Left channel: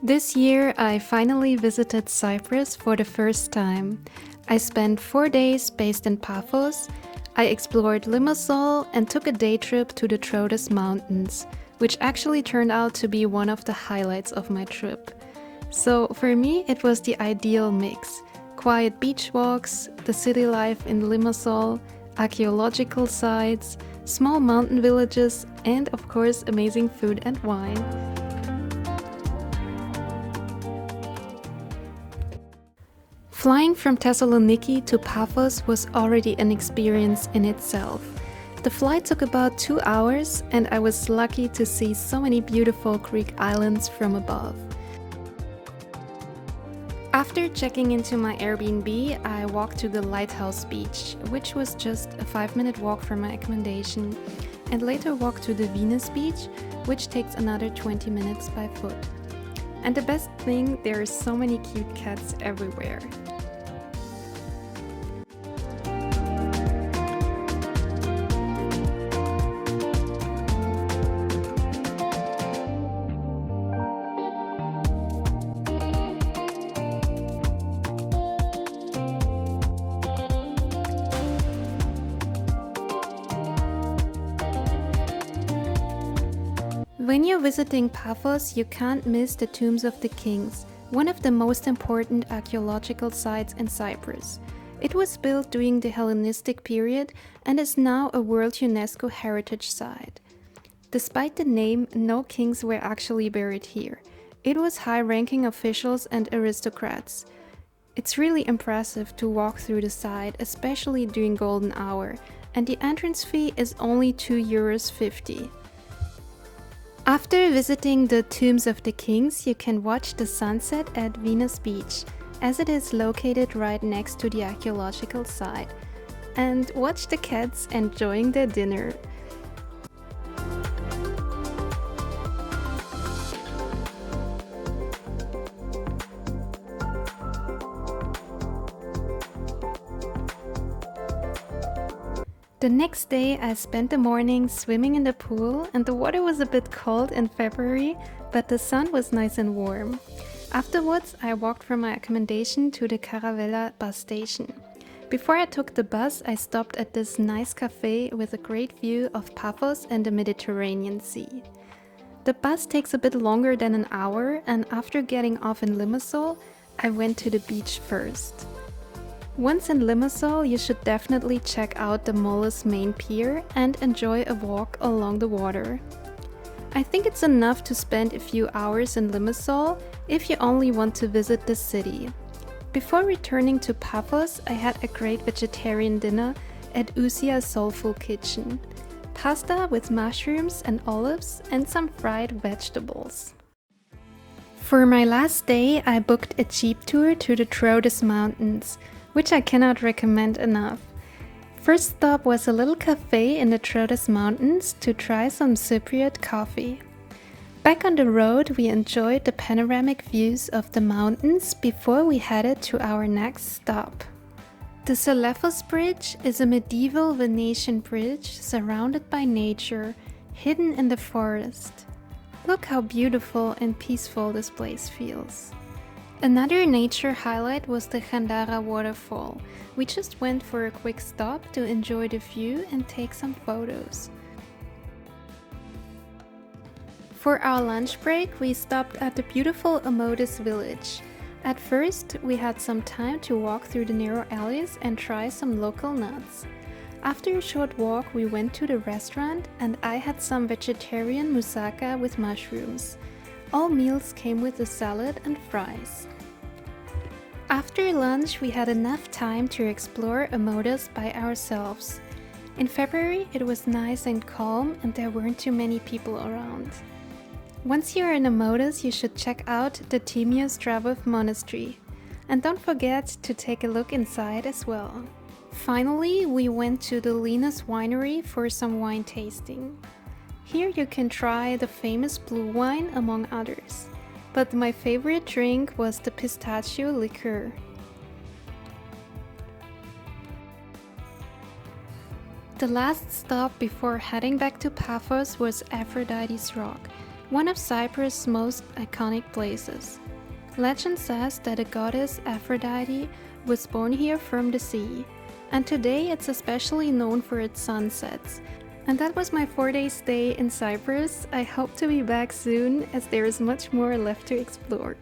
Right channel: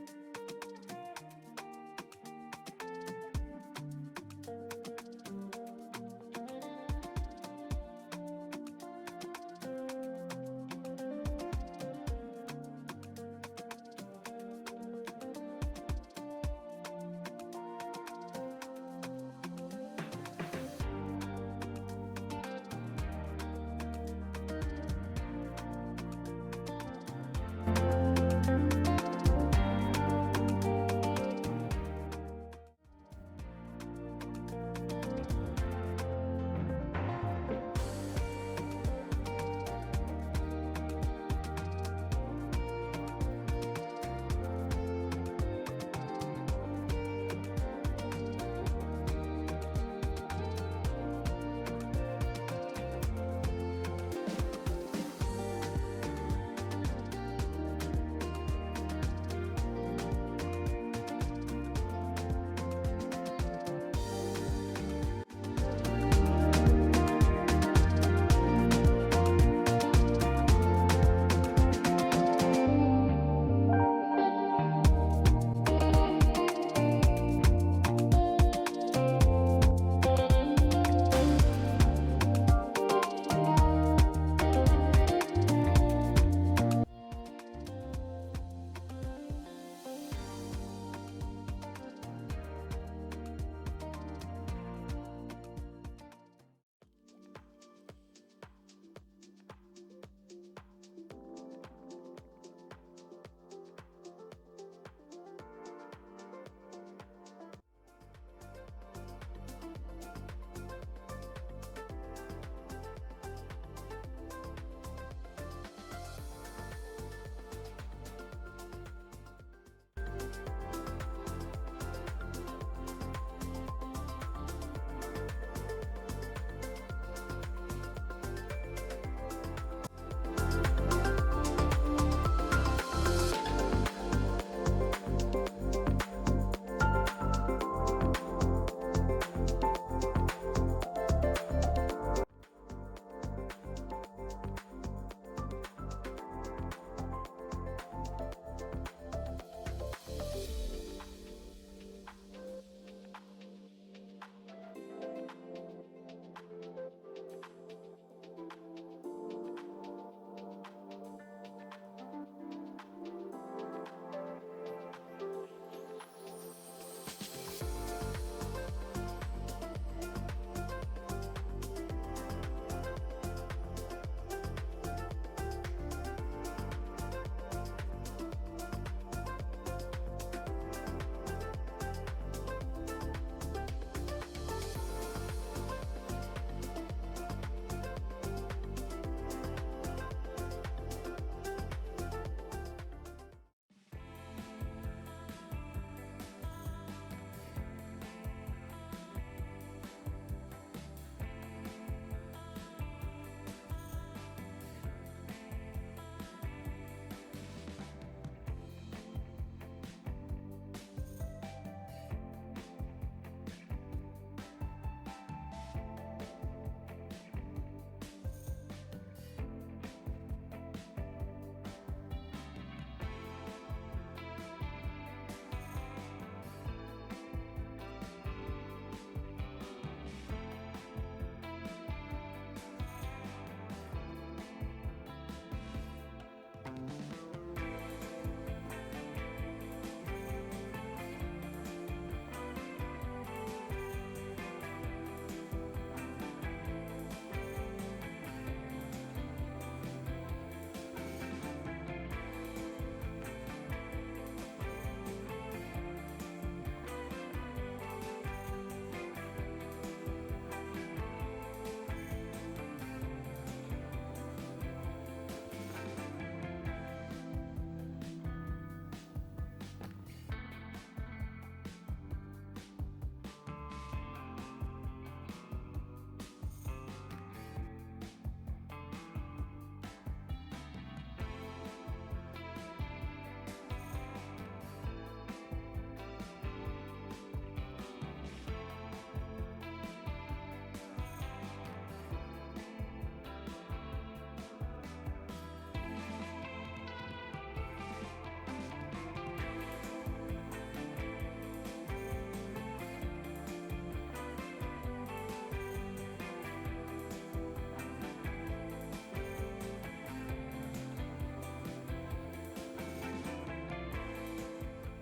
This year, I finally visited Cyprus for the first time. I spent 4 days based in Paphos. I explored Limassol and took a day trip to the Troodos Mountains, which actually turned out to be one of the highlights of my trip. So for me, it was the ideal mix: quiet beach walks, the city life in Limassol, archaeological sites, small mountain villages, and of course, amazing food and wine. Flying from Thessaloniki to Paphos was already an experience in itself. The flight took about 2 hours, and I was lucky to see so many beautiful Greek islands from above. After checking into my Airbnb, I walked to the Lighthouse Beach, which was just a 5-minute walk from my accommodation, and later walked to the Venus Beach, which takes another 20 minutes by foot. And the best thing, there are so many cute cats everywhere. When you're visiting Paphos, you can't miss the Tombs of the Kings, one of the most important archaeological sites in Cyprus. It was built during the Hellenistic period and is now a World UNESCO Heritage Site. Despite the name, no kings were actually buried here. It was high-ranking officials and aristocrats. It's really impressive to walk through the site, especially during golden hour, and the entrance fee is only €2.50. After visiting the Tombs of the Kings, you can watch the sunset at Venus Beach, as it is located right next to the archaeological site, and watch the cats enjoying their dinner. The next day, I spent the morning swimming in the pool, and the water was a bit cold in February, but the sun was nice and warm. Afterwards, I walked from my accommodation to the Caravella bus station. Before I took the bus, I stopped at this nice cafe with a great view of Paphos and the Mediterranean Sea. The bus takes a bit longer than an hour, and after getting off in Limassol, I went to the beach first. Once in Limassol, you should definitely check out the Molus main pier and enjoy a walk along the water. I think it's enough to spend a few hours in Limassol if you only want to visit the city. Before returning to Paphos, I had a great vegetarian dinner at Usia's Soulful Kitchen. Pasta with mushrooms and olives and some fried vegetables. For my last day, I booked a jeep tour to the Troodos Mountains, which I cannot recommend enough. First stop was a little cafe in the Troodos Mountains to try some Cypriot coffee. Back on the road, we enjoyed the panoramic views of the mountains before we headed to our next stop. The Tzelefos Bridge is a medieval Venetian bridge surrounded by nature, hidden in the forest. Look how beautiful and peaceful this place feels. Another nature highlight was the Chantara Waterfall. We just went for a quick stop to enjoy the view and take some photos. For our lunch break, we stopped at the beautiful Omodos village. At first, we had some time to walk through the narrow alleys and try some local nuts. After a short walk, we went to the restaurant and I had some vegetarian moussaka with mushrooms. All meals came with a salad and fries. After lunch, we had enough time to explore Omodos by ourselves. In February, it was nice and calm and there weren't too many people around. Once you're in Omodos, you should check out the Timios Dravov Monastery. And don't forget to take a look inside as well. Finally, we went to the Linas winery for some wine tasting. Here you can try the famous blue wine among others, but my favorite drink was the pistachio liqueur. The last stop before heading back to Paphos was Aphrodite's Rock, one of Cyprus' most iconic places. Legend says that the goddess Aphrodite was born here from the sea, and today it's especially known for its sunsets. And that was my 4-day stay in Cyprus. I hope to be back soon as there is much more left to explore.